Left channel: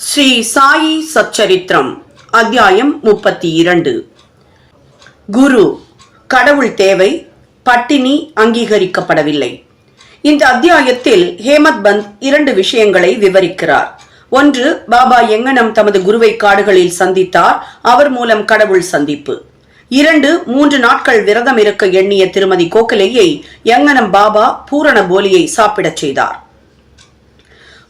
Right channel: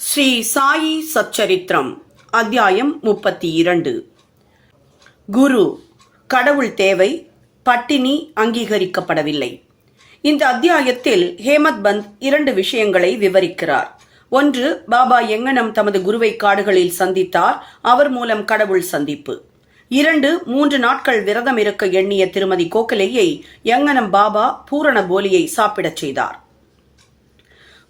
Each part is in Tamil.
ஸ்ரீ சாயி சச்சரித்திரம் அத்தியாயம் முப்பத்தி இரண்டு குரு கடவுள் தேவை பட்டினி அங்கீகரிக்கப்படவில்லை. இந்த அத்தியாயத்தில் ஹேமத் பந்த் இரண்டு விஷயங்களை விவரிக்கிறார். ஒன்று பாபா எங்கனம் தமது குருவை காடுகளில் சந்தித்தார் அவர் மூலம் கடவுள் சந்திப்பு. இரண்டு மூன்று நாட்கள் விரதம் இருக்க எண்ணிய திருமதி கோகலையை எங்கனம் பாபா பூரண போலியை சாப்பிடச் செய்தார்.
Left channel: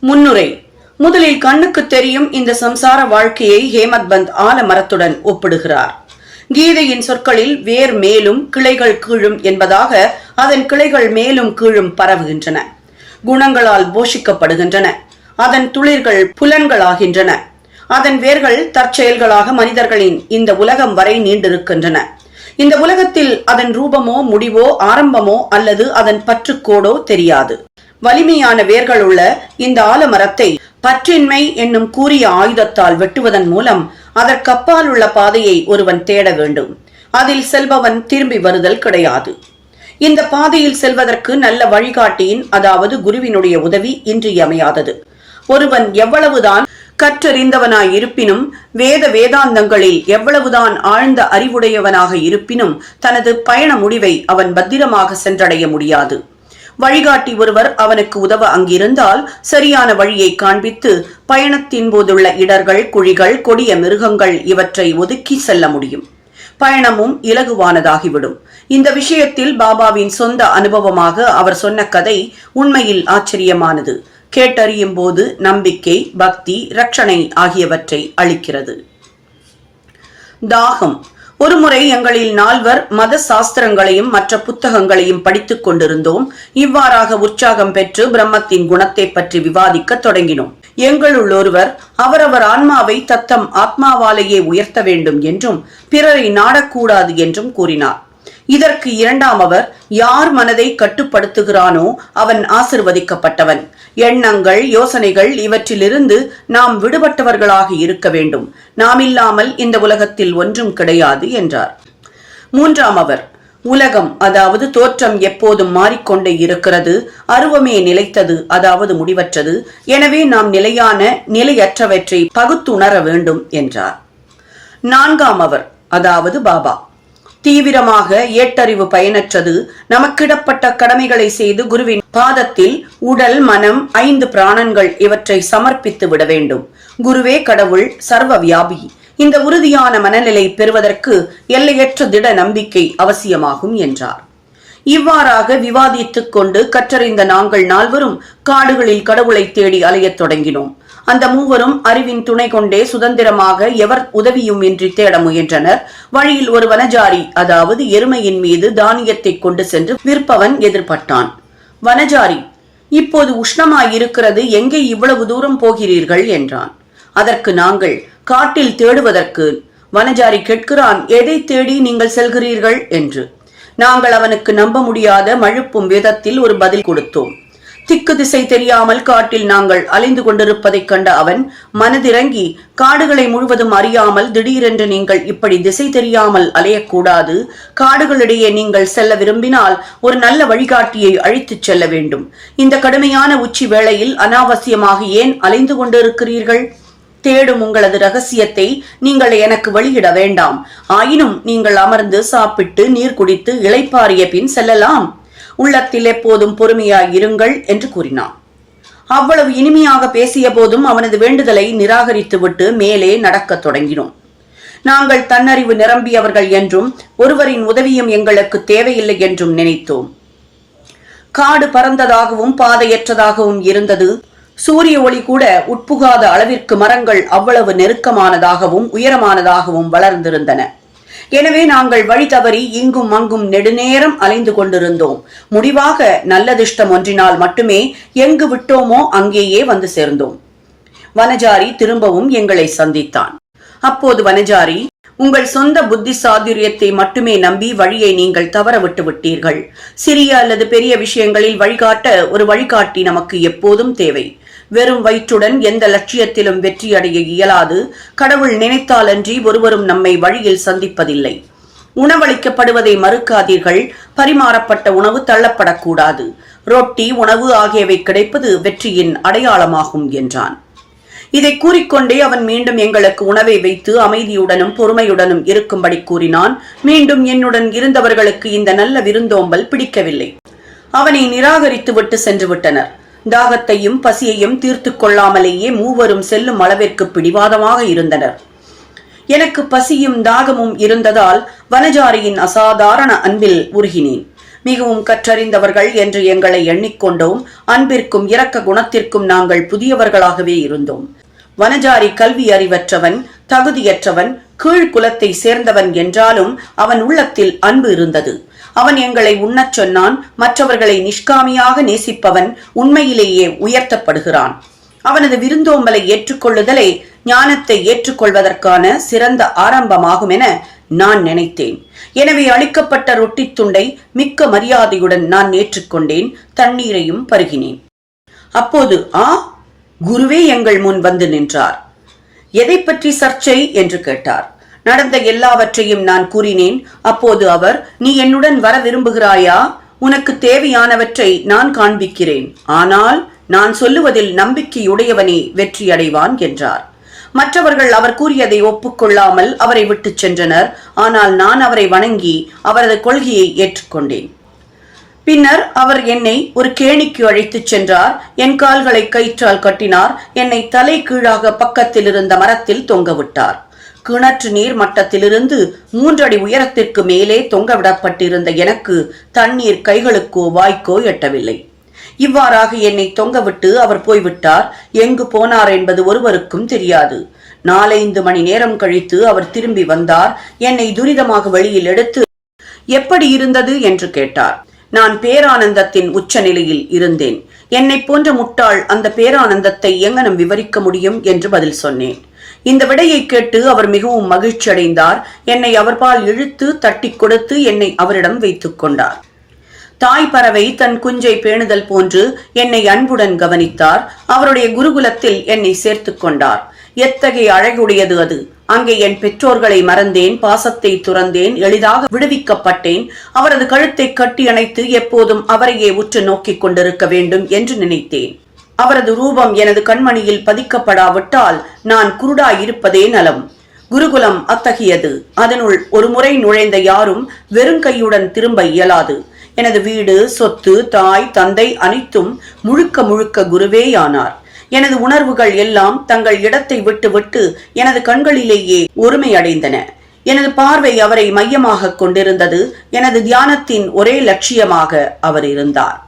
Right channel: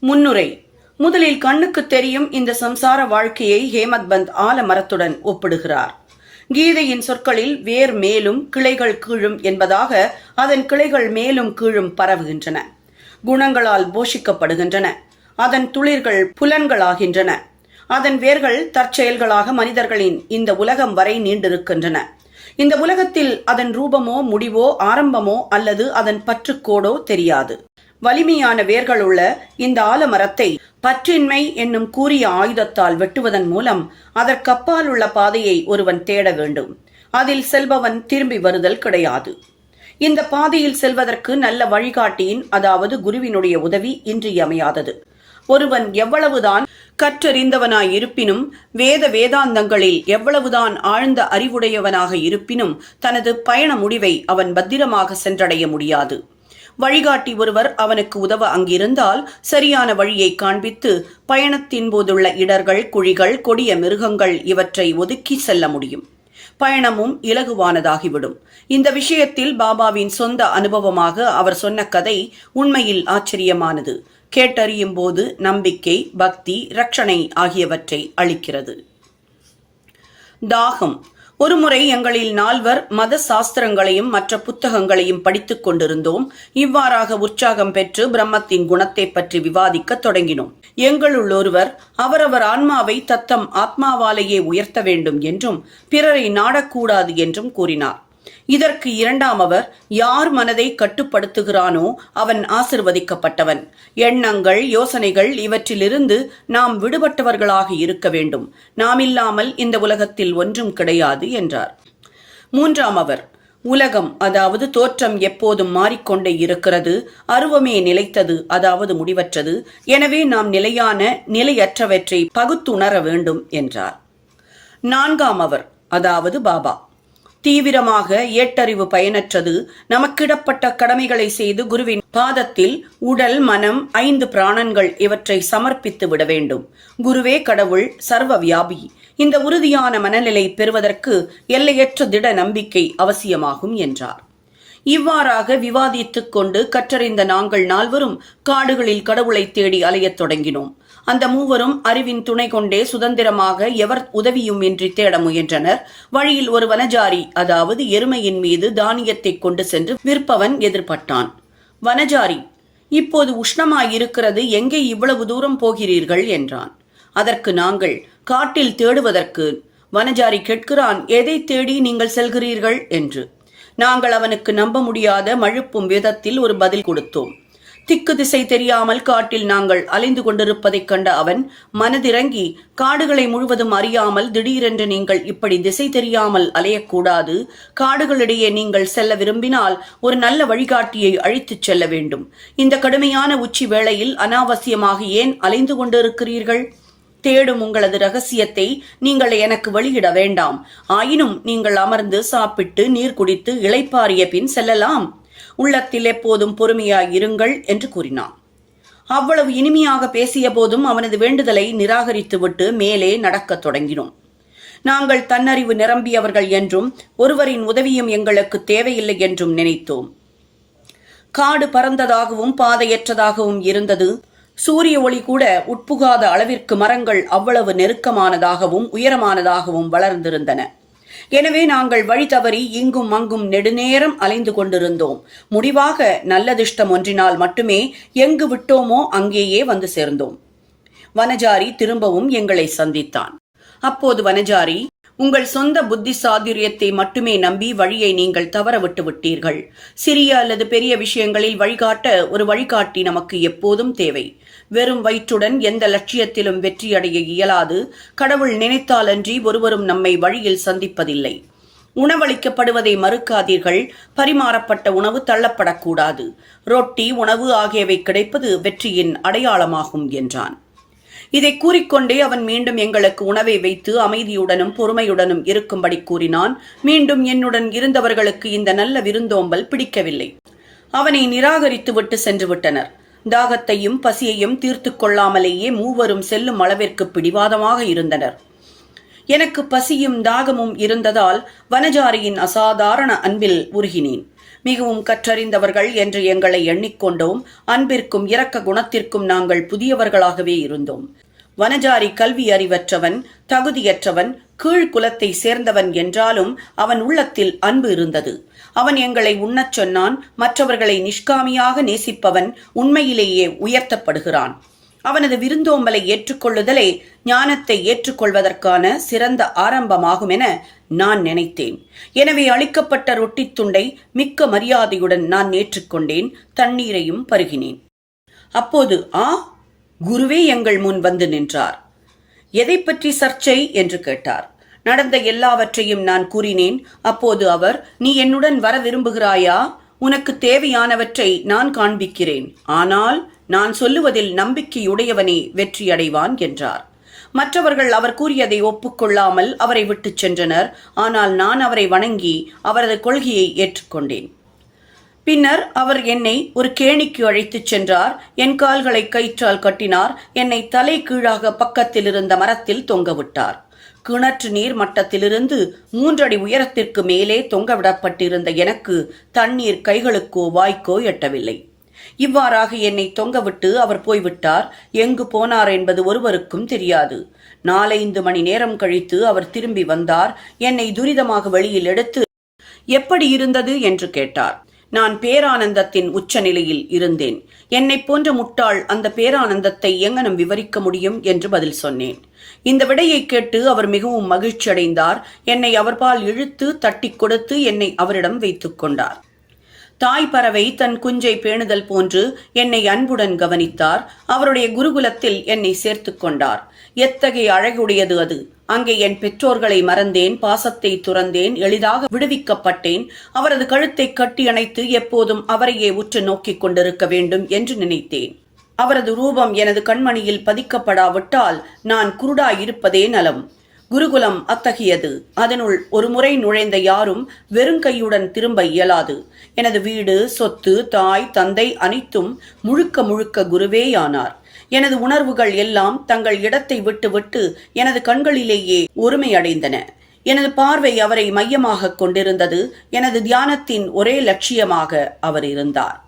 முன்னுரை முதலில் கண்ணுக்கு தெரியும் இந்த சம்சார வாழ்க்கையை ஹேமத் பந்த் ஆலமரத்துடன் ஒப்பிடுகிறார். கீதையின் சொற்களில் வேர் மேலும் கிளைகள் கீழும் என்பதாக அதன் கிளைகள் மேலும் கீழும் பரவுகின்றன. குணங்களால் போஷிக்கப்படுகின்றன. அதன் துளிர்கள் புலன்களாகின்றன. அதன் வேர்கள் தற்செயல்களாக மனிதர்களின் இந்த உலகம் வரை நீண்டிருக்கின்றன. இந்த உலகத்தில் அதன் ரூபமோ முடிவோ ஆரம்பமோ அல்லது அதன் பற்றுக்கோடோ தெரியாது. வலிமையான வேர்கள் உள்ள இந்த ஆலமரத்தை பற்றின்மை என்னும் கூறிய ஆயுதத்தால் வெட்டுவதன் மூலம் அதற்கப்பால் உள்ள பாதையை ஒருவன் தேட வேண்டும். அதில் செல்பவன் திரும்பி வருதல் கிடையாது. இந்த பாதையில் செல்வதற்கு நல்ல வழிகாட்டியின் அதாவது குருவினுடைய உதவி இன்றியமையாதது ஒருவன் எவ்வளவுதான் கற்றறிந்தவனாய் இருப்பினும் வேத வேதாந்தங்களில் எவ்வளவுதான் ஆழ்ந்த அறிவுடையவனாக இருப்பினும் தனது பயண முடிவை அவன் பத்திரமாக சென்றடைய முடியாது. வழிகாட்டி ஒருவர் அவனுக்கு உதவ அங்கிருந்தால் சரியான வழியை காண்பித்து பயணத்தின் போதுள்ள இடர்கள் குழிகள் கொடிய மிருகங்கள் இவற்றை ஒதுக்கி செல்ல முடியும். பயணமும் இலகுவானதாகிவிடும். இந்த விஷயத்தில் பாபாவின் சொந்த அனுபவமாக அவர் சொன்ன கதை உண்மையில் ஆச்சரியமானது. கேட்டறியும் போது நம்பிக்கை பக்தி ரட்சணை ஆகியவற்றை அளிக்கிறது. தாகம். ஒருமுறை எங்களில் நால்வர் மத சாஸ்திரங்களையும் மற்ற புத்தகங்களையும் படித்துக் கொண்டிருந்தோம். இவ்வாறாக உற்சாகம் பெற்று பிரம்மத்தின் குணத்தை பற்றி விவாதிக்க தொடங்கினோம். எங்களுள் ஒருவர் அவரவர் ஆன்மாவை தத்தம் ஆத்மாவாலேயே உயர்த்த வேண்டும் என்றும் பிறரை நாடக்கூடாது என்றும் கூறினார். இதற்கு இரண்டாம் அவர் யார் மனதை கட்டுப்படுத்துகிறானோ அவன் ஆசிர்வதிக்கப்பட்டவன். எண்ணங்கள் யோசனைகள் இவற்றிலிருந்து நாம் விடுபட்டவர்களாக இருக்க வேண்டும். நாம் இல்லாமல் இந்த உலகத்தில் ஒன்றும் கிடையாது என்றார். மூன்றாம் அவர் உலகம் அதாவது தோற்றம் எப்போதும் மாறிக்கொண்டே இருக்கிறது அருவமே நிலைத்தது அதாவது முடிவற்றது. எனவே நாம் நிலையான நிலையற்றவற்றை பகுத்துணர வேண்டும் என்றார். நான்காம் அவர் அதாவது பாபா. தீவிரமாக ஏட்டறிவு பயனற்றது. நமக்கிடப்பட்ட கடமைகளை செய்து குருவின் பாதத்தில் உடல் மனம் ஐந்து பிராணங்கள் இவற்றை சமர்ப்பித்து விட வேண்டும். குருவே கடவுள் சர்வ வியாபி இந்த உறுதியான மனநிலை பெறுவதற்கு எல்லையற்ற திட நம்பிக்கை அவசியமாகும் என்றார். இவ்வாறாக விவாதித்துக் கொண்டு கற்றறிந்த நாங்கள் நால்வரும் காடுகளில் கடவுளை தேடி அலையத் தொடங்கினோம். அந்த மூவரும் அறிவின் துணை கொண்டே சுதந்திரமாக எவர் உதவியும் இன்றி தேட முயன்றனர். வழியில் ஒரு வனஜாரி அதாவது எருமையின் மீது தானியத்தை கொண்டு சென்று விற்பவன் எதிர்பட்டான். வனஜாரி இப்போது உஷ்ணமாயிருக்கிறது எங்கே இவ்வளவு தூரம் போகிறீர்கள்? என்றான். அதற்கு நாங்கள் காட்டில் தேடுவதற்கு. வனஜாரி கேட்கிறான் எதை தேடி நீங்கள் செல்கிறீர்கள்? என்று. நாங்கள் அவனுக்கு நம்ப முடியாத மழுப்பும் விதத்தில் ஒரு பதில் கொடுத்தோம். திக்கு திசை தெரியாமல் காட்டில் நாங்கள் அலைந்து கொண்டிருப்பதைக் கண்ட அவன் மனதிறங்கி காடுகளை முழுவதும் அறியாமல் திடீரென்று நீங்கள் இப்படி திசை தெரியாமல் அலையக்கூடாது. காடுகளிடையே நீங்கள் செல்ல விரும்பினால் ஒரு நல்ல வழிகாட்டியை அழைத்துச் செல்ல வேண்டும். இந்த கடுமையான உச்சி வேளையில் அனாவசியமாக ஏன் அலைந்து கொண்டிருக்கிறீர்கள்? தேடும் உங்களது ரகசியத்தை நீங்கள் எனக்கு வெளியிட வேண்டாம். ஆயினும் நீங்கள் அமர்ந்து சாப்பிட்டு நீர் குடித்து இளைப்பாறிய பின் செல்லலாம். உள்ளத்தில் எப்போதும் பொறுமையாய் இருங்கள் என்று கூறினான். அவ்வளவு இனிமையாக பேசிய போதும் அவனது வேண்டுதலை நிராகரித்துவிட்டு மேலே நடக்கத் தொடங்கினோம். நாங்கள் தன்னறிவு நிரம்பியவர்கள் என்றும் ஒருவரின் உதவியும் எங்களுக்கு தேவையில்லை என்றும் நினைத்தோம். காடு பறந்ததாகவும் பாதையற்றதாகவும் இருந்தது. சூரிய ஒளி கூட உட்புகாத அளவிற்கு மரங்கள் அவ்வளவு நெருக்கமானதாகவும் உயரமானதாகவும் வளர்ந்திருந்தன. எனவே நாங்கள் வழி தவறி இங்கும் அங்கும் நெடுநேரம் அலைந்து கொண்டிருந்தோம். முடிவாக நல்லதிஷ்டம் ஒன்றினால் மட்டுமே எங்கு விட்டோமோ அங்கேயே வந்து சேர்ந்தோம். வனஜாரி திரும்பவும் எங்களை சந்தித்தான். அப்போது வனஜாரி உங்கள் சொந்த புத்தி சாதுரியத்தை மட்டுமே நம்பி வழியை நீங்கள் தவற விட்டு விட்டீர்கள். சிறிய அல்லது பெரிய விஷயங்களில் வழிகாட்ட ஒரு வழிகாட்டி நமக்கு எப்போதும் தேவை. வெறும் வயிற்றுடன் எந்த லட்சியத்திலும் வெற்றியடைய இயலாது. கடவுள் நினைத்தாலன்றி ஒருவரும் நம்மை வழியில் சந்திப்பதில்லை. உணவளிக்கப்படுவதை மறுக்காதீர்கள். பரிமாறப்பட்ட உணவு தள்ளப்படக்கூடாது. ரொட்டி உணவு ஆகியவை கிடைப்பது வெற்றியின் அடையாளமாகும் என்றான். இதை கூறிக்கொண்டே அவன் மீண்டும் எங்களுக்கு உணவை வைத்து அமைதியுடனும் பொறுமையுடனும் இருக்கும்படி கூறினான். மீண்டும் என்னுடன் இருந்தவர்களுக்கு இந்த நல்ல விருந்தோம்பல் பிடிக்கவில்லை. அவனை நிராகரித்து விட்டு சென்று விட்டனர் தாகத்தையும் பசியையும் தீர்த்து கொள்ளாமலேயே மூவரும் செல்லும் அளவிற்கு பிடிவாதமாக இருந்தனர். எனக்கு பசியும் தாகமும் இருந்ததால் வனஜாரியின் அசாதாரண அன்பில் உருகினேன். மிகவும் கற்றறிந்தவர்கள் என்று எங்களை எண்ணிக்கொண்டோம். அன்பிற்கும் இரக்க குணத்திற்கும் நாங்கள் புதியவர்களாகவே இருந்தோம். வனஜாரி கல்வி அறிவற்றவன் தகுதியற்றவன் கீழ்குலத்தை சேர்ந்தவன் என்றாலும் அவன் உள்ளத்தில் அன்பு இருந்தது. அவன் எங்களை உண்ணச் சொன்னான் மற்றவர்களை நிஷ்காமியாக நேசிப்பவன் உண்மையிலேயே உயர்த்தப்படுகிறான். அவனது விருந்தோம்பலை ஏற்றுக்கொள்ளுதலே ஞானத்தை ஏற்றுக்கொள்வதற்கான சிறந்த ஆரம்பமாகும் என நான் நினைத்தேன். எனவே அளிக்கப்பட்ட ரொட்டித் துண்டை மிக்க மரியாதையுடன் நான் ஏற்றுக்கொண்டேன் தண்ணீரையும் பருகினேன். அப்போது ஆ குருவே எங்கள் முன் வந்து நின்றார். எதை பற்றி சர்ச்சை? என்று கேட்டார். நடந்த எல்லாவற்றையும் நான் கூறினேன். அப்போது அவர் நீ என்னுடன் வர விரும்புகிறாயா? உனக்கு தேவையானவற்றை நான் காண்பிக்கிறேன். ஆனால் நான் சொல்லுவதில் நம்பிக்கையுடையவனே வெற்றியடைவான் என்றார். மற்றவர்கள் அவர் கூறியதை ஒப்புக்கொள்ளாமல் அவரை விட்டுச் சென்றனர். ஆனால் நான் அவரை வணங்கி அவரது கொள்கையை ஏற்றுக்கொண்டேன். பின்னர் அவர் என்னை ஒரு கேணிக்கு அழைத்துச் சென்றார். என் கால்களை கயிற்றால் கட்டினார். என்னை தலை கீழாக பக்கத்தில் இருந்த மரத்தில் தொங்கவிட்டார் கிணற்று நீர் மட்டத்திலிருந்து மூன்றடி உயரத்திற்கு மேலே தொங்கவிடப்பட்டிருந்த எனக்கு தண்ணீர் கைகளுக்கோ வாய்க்கோ எட்டவில்லை. இவ்வாறாக என்னை தொங்கவிட்டு அவர் போய்விட்டார். எங்கு போனார் என்பது ஒருவருக்கும் தெரியாது. நாலைந்து மணி நேரம் கழித்து அவர் திரும்பி வந்தார். என்னை துரிதமாக வெளியில் எடுத்து எப்படி இருந்தது? என்று கேட்டார். நான் பேரானந்தத்தின் உச்சநிலையில் இருந்தேன். என்னைப் போன்ற முட்டாள் அந்த பேரானந்தத்தை எங்கனம் விவரிக்க முடியும்? என்று பதில் சொன்னேன். இந்த விடையை கேட்டு அவர் மிகவும் மகிழ்ச்சி அடைந்தார் என்னை அவர்பால் இழுத்து தட்டி கொடுத்து என்னை அவரிடம் வைத்துக் கொண்டார். தாய் பறவை தன் குஞ்சை பேணுதல் போன்று என்னை அன்புடன் கவனித்தார். அவருடைய குருகுலத்தில் என்னை சேர்த்துக் கொண்டார். எத்தகைய அழகுடையது அது! அங்கே என் பெற்றோர்களை மறந்தேன் பாசத்தை துறந்தேன் எளிதாக விடுவிக்கப்பட்டேன். அவரது கழுத்தை கட்டி அணைத்து எப்போதும் அவரையே உற்று நோக்கிக் கொண்டிருக்க வேண்டும் என்று நினைத்தேன். அவரது ரூபம் எனது கண்மணியில் பதிக்கப்படாவிட்டால் நான் குருடாயிருப்பதே நலம். குருகுலம் அத்தகையது. அதனுள் ஒரு முறை நுழைந்த யாரும் வெறுங்கையுடன் திரும்ப இயலாது. எனது வீடு சொத்து தாய் தந்தை அனைத்தும் முழுக்க முழுக்க குருவேயானார். எனது உணர்வுகள் எல்லாம் தங்கள் இடத்தை விட்டு விட்டு எனது கண்களிலேயே ஒருமையடைந்தன எனது பார்வை அவரை மையமாக கொண்டிருந்தது. எனது தியானத்தின் ஒரே லட்சியமாக அவர் இருந்தார்.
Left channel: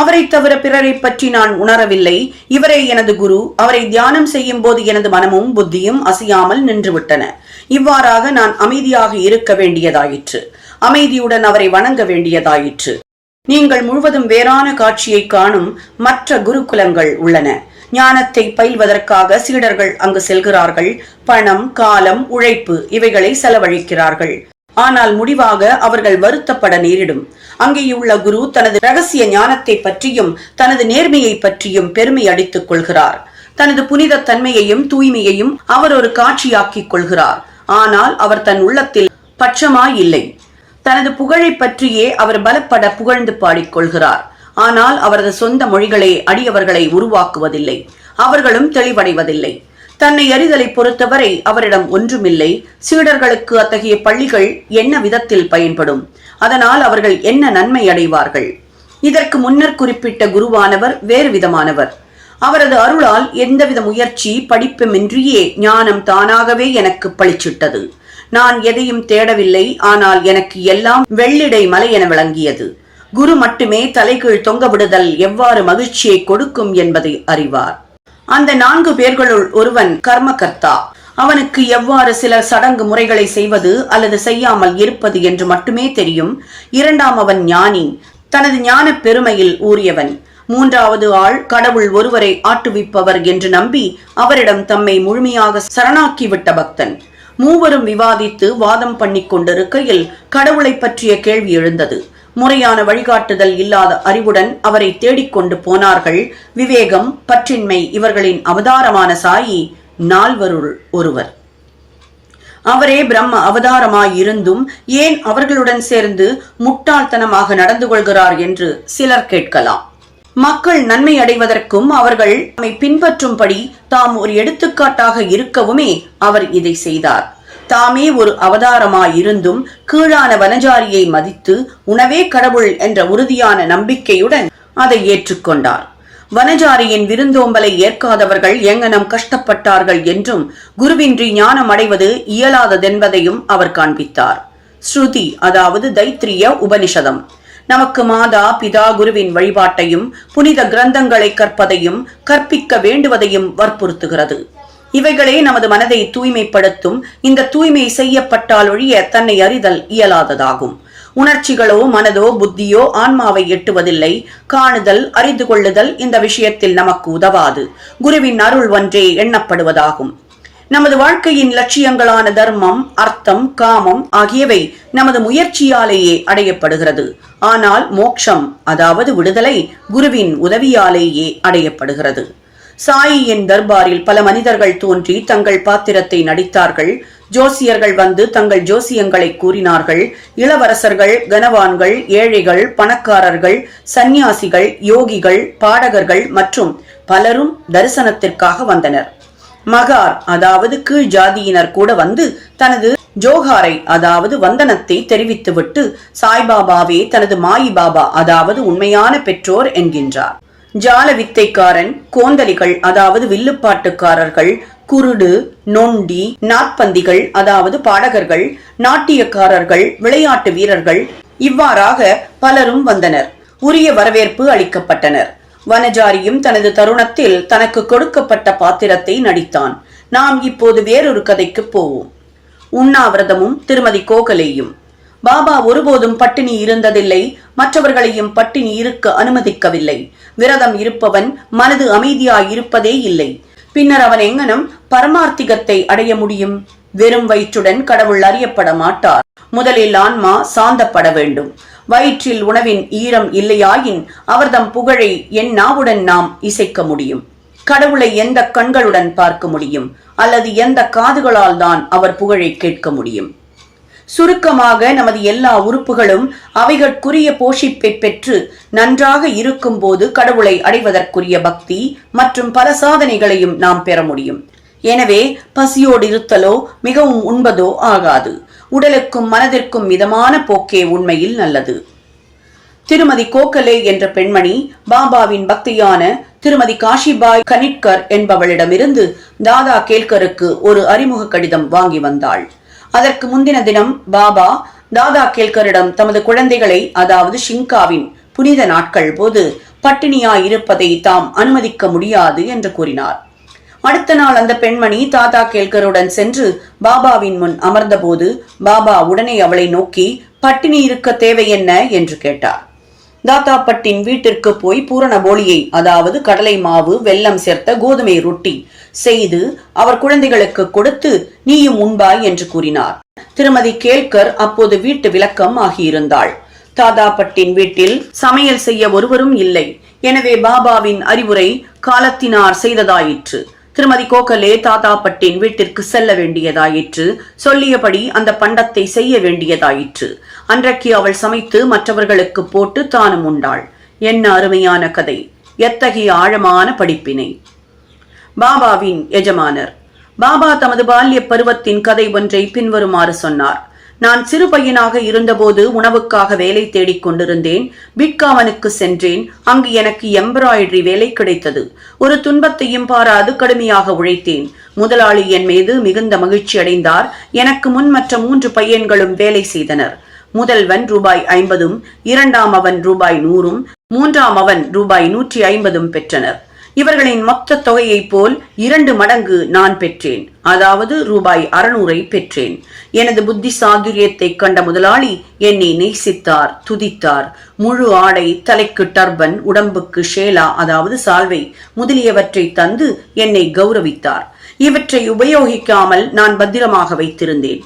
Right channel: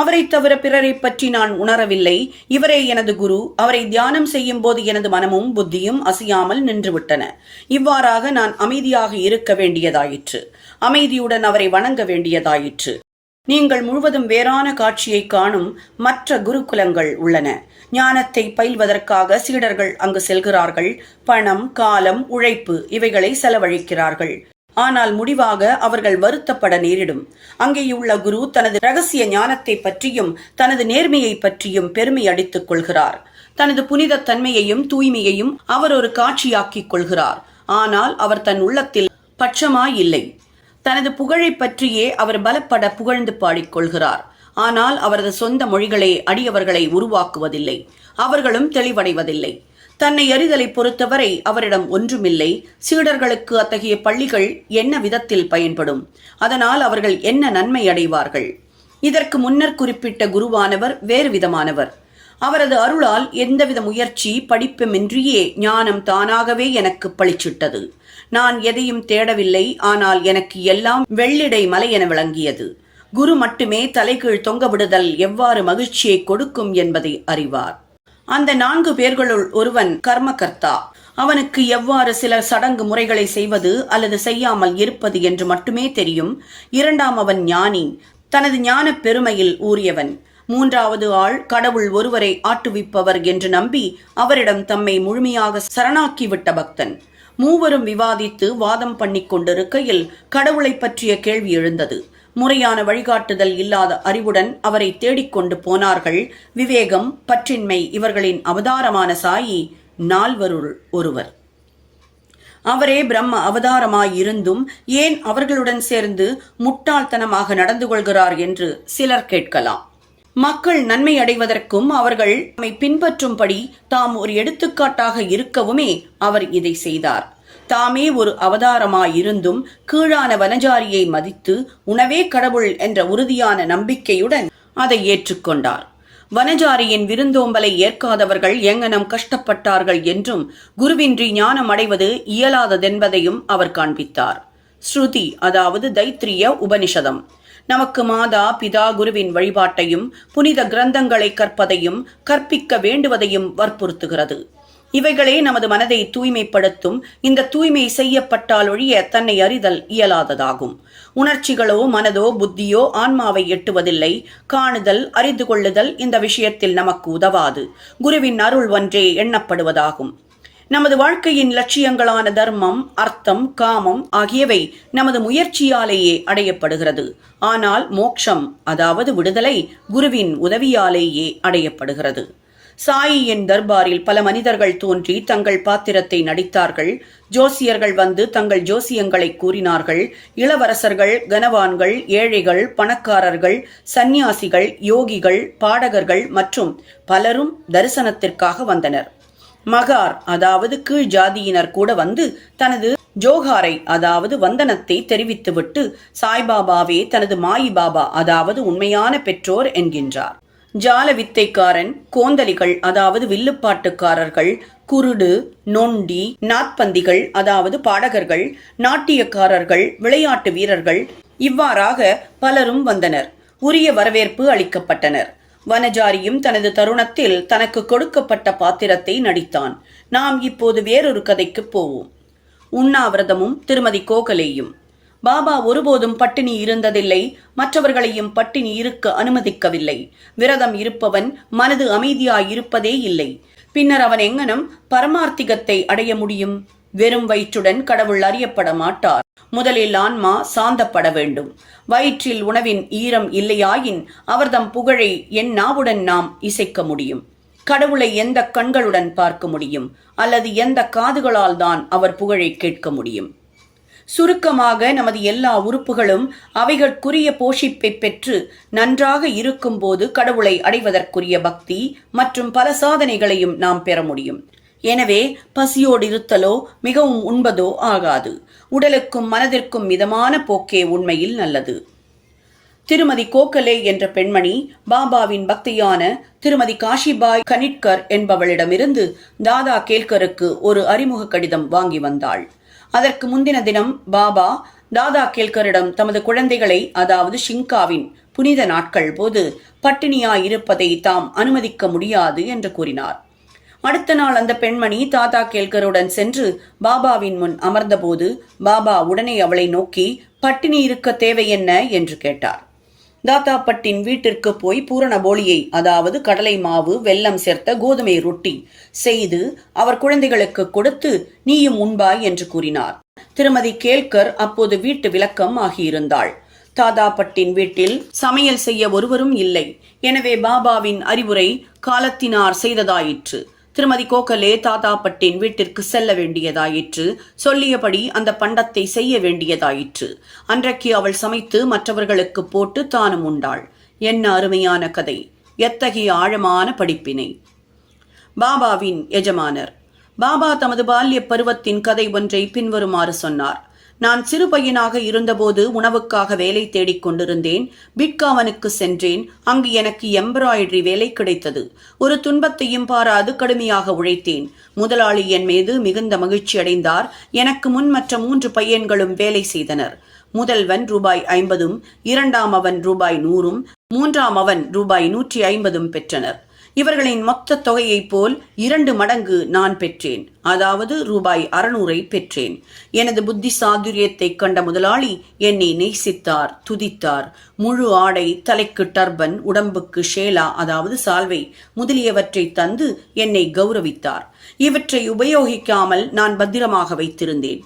அவரை தவிர பிறரை பற்றி நான் உணரவில்லை. இவரே எனது குரு. அவரை தியானம் செய்யும் போது எனது மனமும் புத்தியும் அசையாமல் நின்றுவிட்டன. இவ்வாறாக நான் அமைதியாக இருக்க வேண்டியதாயிற்று. அமைதியுடன் அவரை வணங்க வேண்டியதாயிற்று. நீங்கள் முழுவதும் வேறான காட்சியை காணும் மற்ற குருகுலங்கள் உள்ளன. ஞானத்தை பயில்வதற்காக சீடர்கள் அங்கு செல்கிறார்கள். பணம் காலம் உழைப்பு இவைகளை செலவழிக்கிறார்கள். ஆனால் முடிவாக அவர்கள் வருத்தப்பட நேரிடும். அங்கேயுள்ள குரு தனது ரகசிய ஞானத்தை பற்றியும் தனது நேர்மையை பற்றியும் பெருமை அடித்துக் கொள்கிறார். தனது புனித தன்மையையும் தூய்மையையும் அவர் ஒரு காட்சியாக்கிக் கொள்கிறார். ஆனால் அவர் தன் உள்ளத்தில் பட்சமாய் இல்லை தனது புகழை பற்றியே அவர் பலப்பட புகழ்ந்து பாடிக்கொள்கிறார் ஆனால் அவரது சொந்த மொழிகளே அடியவர்களை உருவாக்குவதில்லை. அவர்களும் தெளிவடைவதில்லை. தன்னை அறிதலை பொறுத்தவரை அவரிடம் ஒன்றுமில்லை. சீடர்களுக்கு அத்தகைய பள்ளிகள் என்ன விதத்தில் பயன்படும்? அதனால் அவர்கள் என்ன நன்மை அடைவார்கள்? இதற்கு முன்னர் குறிப்பிட்ட குருவானவர் வேறு விதமானவர். அவரது அருளால் எந்தவித முயற்சி படிப்புமின்றியே ஞானம் தானாகவே எனக்கு பளிச்சிட்டது நான் எதையும் தேடவில்லை ஆனால் எனக்கு எல்லாம் வெள்ளிடை மலை என விளங்கியது. குரு மட்டுமே தலைகீழ் தொங்க விடுதல் எவ்வாறு மகிழ்ச்சியை கொடுக்கும் என்பதை அறிவார். அந்த நான்கு பேர்களுள் ஒருவன் கர்மகர்த்தா. அவனுக்கு எவ்வாறு சில சடங்கு முறைகளை செய்வது அல்லது செய்யாமல் இருப்பது என்று மட்டுமே தெரியும். இரண்டாம் அவன் ஞானி. தனது ஞான பெருமையில் ஊறியவன். மூன்றாவது ஆள் கடவுள் ஒருவரை ஆட்டுவிப்பவர் என்று நம்பி அவரிடம் தம்மை முழுமையாக சரணாக்கிவிட்ட பக்தன். மூவரும் விவாதித்து வாதம் பண்ணிக் கொண்டிருக்கையில் கடவுளை பற்றிய கேள்வி எழுந்தது. முறையான வழிகாட்டுதல் இல்லாத அறிவுடன் அவரை தேடிக்கொண்டு போனார்கள். விவேகம் பற்றின்மை இவர்களின் அவதாரமான சாயி நால்வருள் ஒருவர். அவரே பிரம்ம அவதாரமாய் இருந்தும் ஏன் அவர்களுடன் சேர்ந்து முட்டாள்தனமாக நடந்து கொள்கிறார் என்று சிலர் கேட்கலாம். மக்கள் நன்மை அடைவதற்கும் அவர்கள் நம்மை பின்பற்றும்படி தாம் ஒரு எடுத்துக்காட்டாக இருக்கவுமே அவர் இதை செய்தார். தாமே ஒரு அவதாரமாயிருந்தும் கீழான வனஜாரியை மதித்து உணவே கடவுள் என்ற உறுதியான நம்பிக்கையுடன் அதை ஏற்றுக்கொண்டார். வனஜாரியின் விருந்தோம்பலை ஏற்காதவர்கள் எங்கனம் கஷ்டப்பட்டார்கள் என்றும் குருவின்றி ஞானம் அடைவது இயலாததென்பதையும் அவர் காண்பித்தார். ஸ்ருதி அதாவது தைத்திரிய உபனிஷதம். நமக்கு மாதா பிதா குருவின் வழிபாட்டையும் புனித கிரந்தங்களை கற்பதையும் கற்பிக்க வேண்டுவதையும் வற்புறுத்துகிறது. இவைகளே நமது மனதை தூய்மைப்படுத்தும். இந்த தூய்மை செய்யப்பட்டால் ஒழிய தன்னை அறிதல் இயலாததாகும். உணர்ச்சிகளோ மனதோ புத்தியோ ஆன்மாவை எட்டுவதில்லை. காணுதல் அறிந்து கொள்ளுதல் இந்த விஷயத்தில் நமக்கு உதவாது. குருவின் அருள் ஒன்றே எண்ணப்படுவதாகும். நமது வாழ்க்கையின் லட்சியங்களான தர்மம் அர்த்தம் காமம் ஆகியவை நமது முயற்சியாலேயே அடையப்படுகிறது. ஆனால் மோக்ஷம் அதாவது விடுதலை குருவின் உதவியாலேயே அடையப்படுகிறது. சாயியின் தர்பாரில் பல மனிதர்கள் தோன்றி தங்கள் பாத்திரத்தை நடித்தார்கள். ஜோசியர்கள் வந்து தங்கள் ஜோசியங்களை கூறினார்கள். இளவரசர்கள் கனவான்கள் ஏழைகள் பணக்காரர்கள் சந்நியாசிகள் யோகிகள் பாடகர்கள் மற்றும் பலரும் தரிசனத்திற்காக வந்தனர். மகார் அதாவது கீழ் ஜாதியினர் கூட வந்து தனது ஜோஹாரை அதாவது வந்தனத்தை தெரிவித்துவிட்டு சாய்பாபாவே தனது மாயி பாபா அதாவது உண்மையான பெற்றோர் என்கின்றார். ஜால வித்தைக்காரன் கோந்தலிகள் அதாவது வில்லுப்பாட்டுக்காரர்கள் குருடு நொண்டி நாற்பந்திகள் அதாவது பாடகர்கள் நாட்டியக்காரர்கள் விளையாட்டு வீரர்கள் இவ்வாறாக பலரும் வந்தனர். உரிய வரவேற்பு அளிக்கப்பட்டனர். வனஜாரியும் தனது தருணத்தில் தனக்கு கொடுக்கப்பட்ட பாத்திரத்தை நடித்தான். நாம் இப்போது வேறொரு கதைக்கு போவோம். உண்ணாவிரதமும் திருமதி கோகலேயும். பாபா ஒருபோதும் பட்டினி இருந்ததில்லை. மற்றவர்களையும் பட்டினி இருக்க அனுமதிக்கவில்லை. விரதம் இருப்பவன் மனது அமைதியாய் இருப்பதே இல்லை. பின்னர் அவன் எங்கனம் பரமார்த்திகத்தை அடைய முடியும்? வெறும் வயிற்றுடன் கடவுள் அறியப்பட மாட்டார். முதலில் ஆன்மா சாந்தப்பட வேண்டும். வயிற்றில் உணவின் ஈரம் இல்லையாயின் அவர்தம் புகழை என் நாவுடன் நாம் இசைக்க முடியும். கடவுளை எந்த கண்களுடன் பார்க்க முடியும்? அல்லது எந்த காதுகளால் தான் அவர் புகழை கேட்க முடியும்? சுருக்கமாக நமது எல்லா உறுப்புகளும் அவைகட்குரிய போஷிப்பை பெற்று நன்றாக இருக்கும்போது கடவுளை அடைவதற்குரிய பக்தி மற்றும் பல சாதனைகளையும் நாம் பெற முடியும். எனவே பசியோடு இருத்தலோ மிகவும் உண்பதோ ஆகாது. உடலுக்கும் மனதிற்கும் மிதமான போக்கே உண்மையில் நல்லது. திருமதி கோகலே என்ற பெண்மணி பாபாவின் பக்தியான திருமதி காஷிபாய் கனிட்கர் என்பவளிடமிருந்து தாதா கேல்கருக்கு ஒரு அறிமுக கடிதம் வாங்கி வந்தாள். அதற்கு முந்தின தினம் பாபா தாதா கேல்கரிடம் தமது குழந்தைகளை அதாவது ஷிங்காவின் புனித நாட்கள் போது பட்டினியாய் இருப்பதை தாம் அனுமதிக்க முடியாது என்று கூறினார். அடுத்த நாள் அந்த பெண்மணி தாத்தா கேல்கருடன் சென்று பாபாவின் முன் அமர்ந்தபோது பாபா உடனே அவளை நோக்கி பட்டினி இருக்க தேவை என்ன? என்று கேட்டார். தாத்தாப்பட்டின் வீட்டிற்கு போய் பூரண போலியை அதாவது கடலை மாவு வெல்லம் சேர்த்த கோதுமை ரொட்டி செய்து அவர் குழந்தைகளுக்கு கொடுத்து நீயும் உண்பாய் என்று கூறினார். திருமதி கேல்கர் அப்போது வீட்டு விளக்கம் ஆகியிருந்தாள். தாதாப்பட்டின் வீட்டில் சமையல் செய்ய ஒருவரும் இல்லை. எனவே பாபாவின் அறிவுரை காலத்தினார் செய்ததாயிற்று. திருமதி கோகலே தாத்தாப்பட்டின் வீட்டிற்கு செல்ல வேண்டியதாயிற்று. சொல்லியபடி அந்த பண்டத்தை செய்ய வேண்டியதாயிற்று. அன்றைக்கு அவள் சமைத்து மற்றவர்களுக்கு போட்டு தானும் உண்டாள். என்ன அருமையான கதை. எத்தகைய ஆழமான படிப்பினை. பாபாவின் எஜமானர். பாபா தமது பால்ய பருவத்தின் கதை ஒன்றை பின்வருமாறு சொன்னார். நான் சிறு பையனாக இருந்தபோது உணவுக்காக வேலை தேடிக் கொண்டிருந்தேன். பிட்காவனுக்கு சென்றேன். அங்கு எனக்கு எம்ப்ராய்டரி வேலை கிடைத்தது. ஒரு துன்பத்தையும் பாராது கடுமையாக உழைத்தேன். முதலாளி என் மீது மிகுந்த மகிழ்ச்சி அடைந்தார். எனக்கு முன் மற்ற மூன்று பையன்களும் வேலை செய்தனர். முதல்வன் ரூபாய் ஐம்பதும் இரண்டாம் அவன் ரூபாய் நூறும் மூன்றாம் அவன் ரூபாய் நூற்றி ஐம்பதும் பெற்றனர். இவர்களின் மொத்த தொகையைப் போல் இரண்டு மடங்கு நான் பெற்றேன். அதாவது ரூபாய் அறுநூறை பெற்றேன். எனது புத்தி சாதுரியத்தை கண்ட முதலாளி என்னை நேசித்தார் துதித்தார். முழு ஆடை தலைக்கு டர்பன் உடம்புக்கு ஷேலா அதாவது சால்வை முதலியவற்றை தந்து என்னை கௌரவித்தார். இவற்றை உபயோகிக்காமல் நான் பத்திரமாக வைத்திருந்தேன்.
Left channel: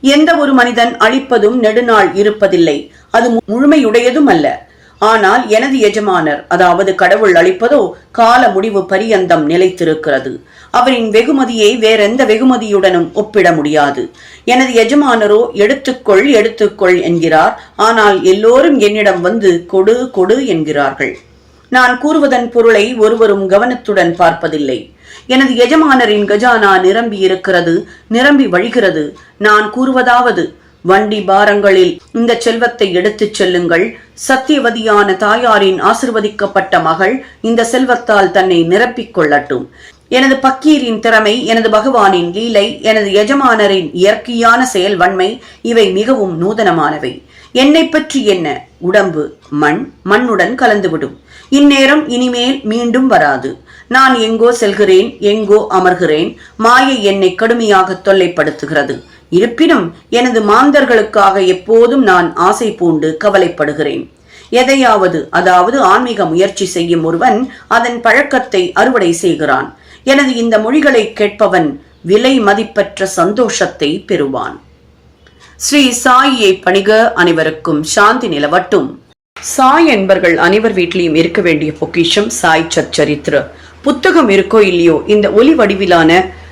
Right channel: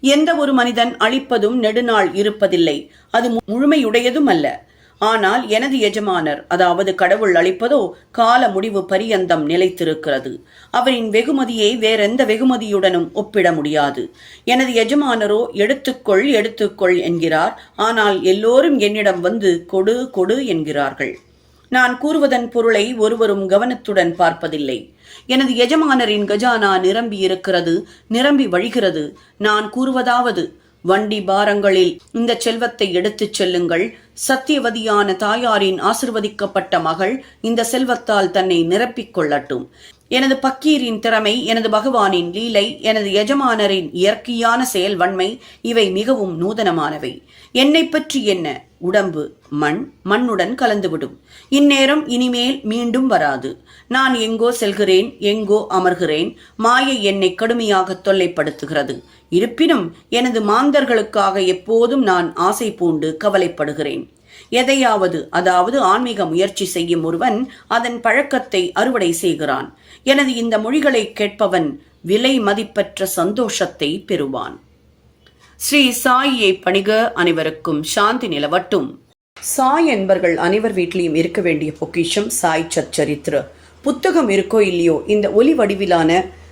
எந்த ஒரு மனிதன் அழிப்பதும் நெடுநாள் இருப்பதில்லை. அது முழுமையுடையதும் அல்ல. ஆனால் எனது எஜமானர் அதாவது கடவுள் அளிப்பதோ கால முடிவு பரியந்தம் நிலைத்திருக்கிறது. அவரின் வெகுமதியை வேறெந்த வெகுமதியுடனும் ஒப்பிட முடியாது. எனது எஜமானரோ எடுத்துக்கொள் எடுத்துக்கொள் என்கிறார். ஆனால் எல்லோரும் என்னிடம் வந்து கொடு கொடு என்கிறார்கள். நான் கூறுவதன் பொருளை ஒருவரும் கவனத்துடன் பார்ப்பதில்லை. எனது எஜமானரின் கஜானா நிரம்பி இருக்கிறது நிரம்பி வழிகிறது. நான் கூறுவதாவது வண்டி பாரங்களில் இந்த செல்வத்தை எடுத்துச் செல்லுங்கள். சத்தியவதியான தாயாரின் ஆசிர்வதிக்கப்பட்ட மகள் இந்த செல்வத்தால் தன்னை நிரப்பிக் கொள்ளட்டும். எனது பக்கீரின் திறமை எனது பகவானின் லீலை எனது எஜமானரின் இயற்கையான செயல் வன்மை இவை மிகவும் நூதனமானவை. என்னை பற்றி என்ன? உடம்பு மண் மண்ணுடன் கலந்துவிடும். இந்நேரம் இனிமேல் மீண்டும் வராது. நான் எங்கோ செல்கிறேன் எங்கோ அமர்கிறேன். மாயை என்னை கடுமையாக தொல்லைப்படுத்துகிறது. இருப்பினும் எனது மாந்தர்களுக்காக எப்போதும் நான் ஆசை பூண்டு கவலைப்படுகிறேன். எதையாவது அதாவது ஆன்மீக முயற்சி செய்யும் ஒருவன் அதன் பழக்கத்தை அறுவடை செய்கிறான். எனது இந்த மொழிகளை கேட்பவன் விலை மதிப்பற்ற சந்தோஷத்தை பெறுவான். ஸ்ரீ சாயியை பணிக அனைவருக்கும் சாந்தி நிலவட்டும். சாய் என்பர்கள் அனைவர் வீட்டிலையும் இருக்க வேண்டிய பொக்கிஷம் சாய் சச்சரித்திர. புத்தகம் இருக்கோ இல்லையோ இந்த ஒலி வடிவிலான